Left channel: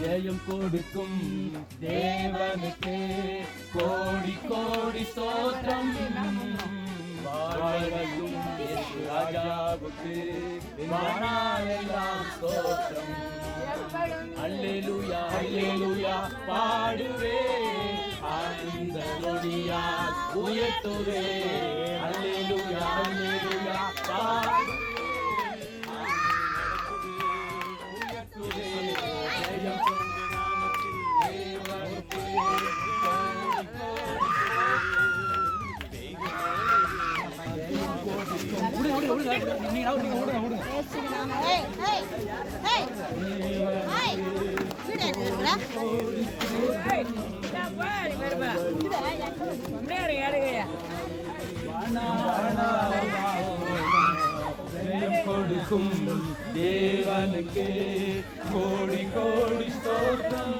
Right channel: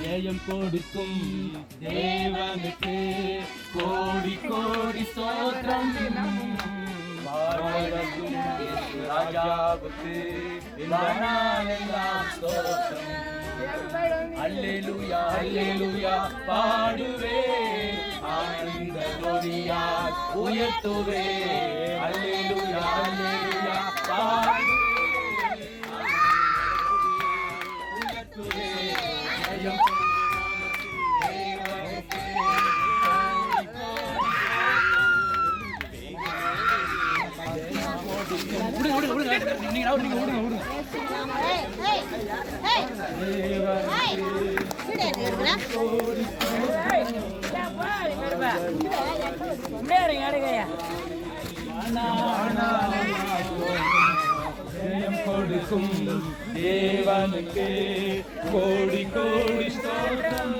ஜெயம் கொடுக்கும் தேவனுக்கு கோடி கோடி ஸ்தோத்திரம். வாழ்வதும் ராஜாவுக்கு வானாலெல்லாம் ஸ்தோத்திரம். அல்லேலூயா அல்லேலூயா பாடுவே, ஆனந்த ஒளியால் உயர்த்துவே. அல்லேலூயா அல்லேலூயா பாடுவே, கொடுக்கும் தேவனுக்கு கோடி கோடி ஸ்தோத்திரம்.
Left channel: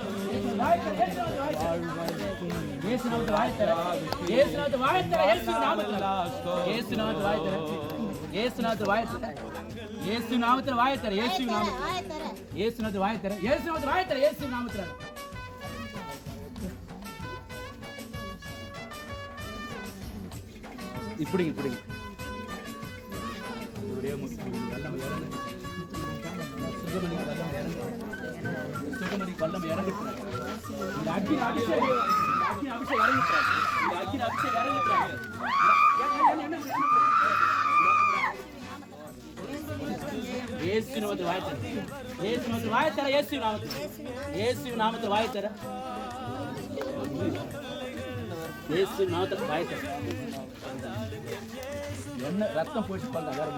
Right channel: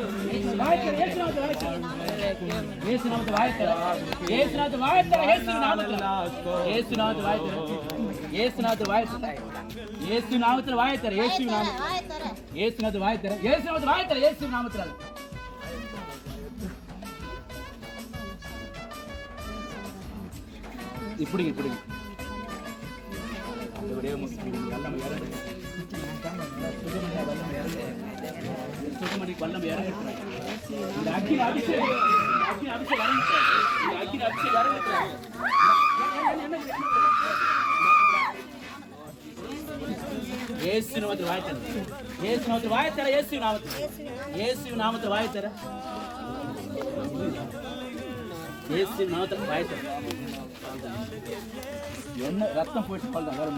இப்படி என்ன ரத்தம் போயிட்டு பல்ல வேற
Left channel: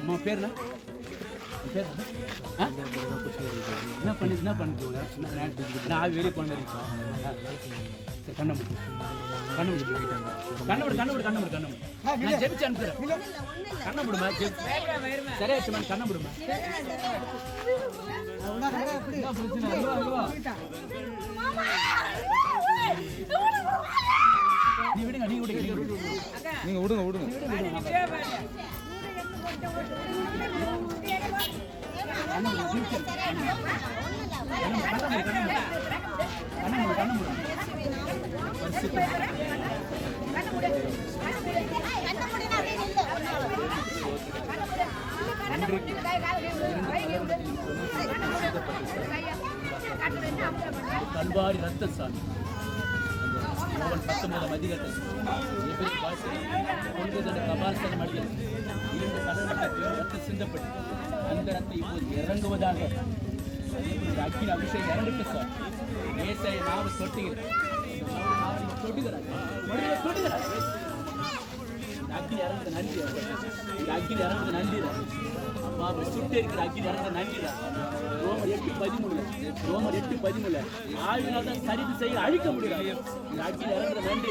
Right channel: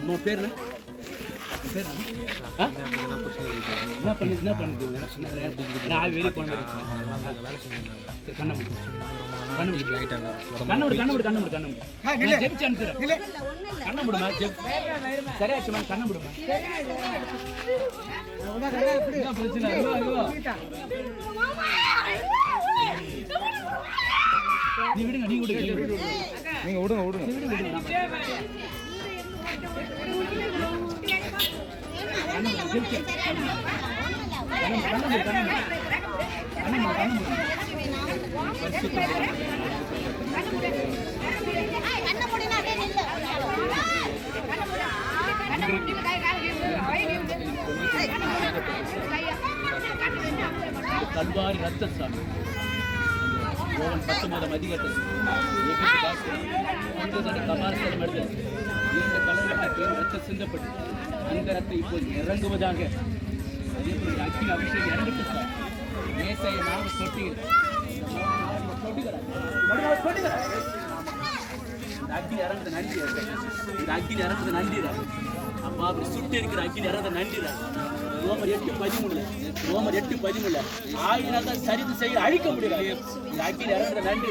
அம்மா பேர் என்ன பண்ணி நான் வெளியே கொண்டு நீங்க விடுங்க கல்வாரி ரத்தசாமி 19 அதிகத்தில் சிந்தப்பட்டு அந்த ரத்தம் இப்போது இறங்குவதாக அக்கினி அபிஷேகம் இறங்கிட்டு சார். ஏசாய 4 தொட்டிகள் அக்கினி இறங்குது நன்றி. இந்த அக்கினி இறங்குது நன்றி. அம்மா அப்படி சுட்டு இருக்கிற அக்கினி இறங்குது நன்றி. ரோமர் 8:13 ஆவினால் தான் சரித்து செய்ய அழிக்க முடியாது. இந்த அக்கினி இறங்குற நன்றி.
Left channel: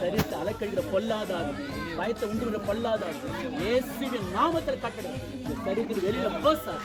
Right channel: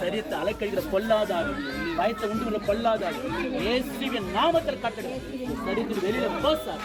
சரித்து அலக்கழிக்கிற பொல்லாதாது, பயத்தை உண்டு பொல்லாதாது இயேசுவின் நாமத்தில் கட்டளை சரித்து வெளியில போசார்.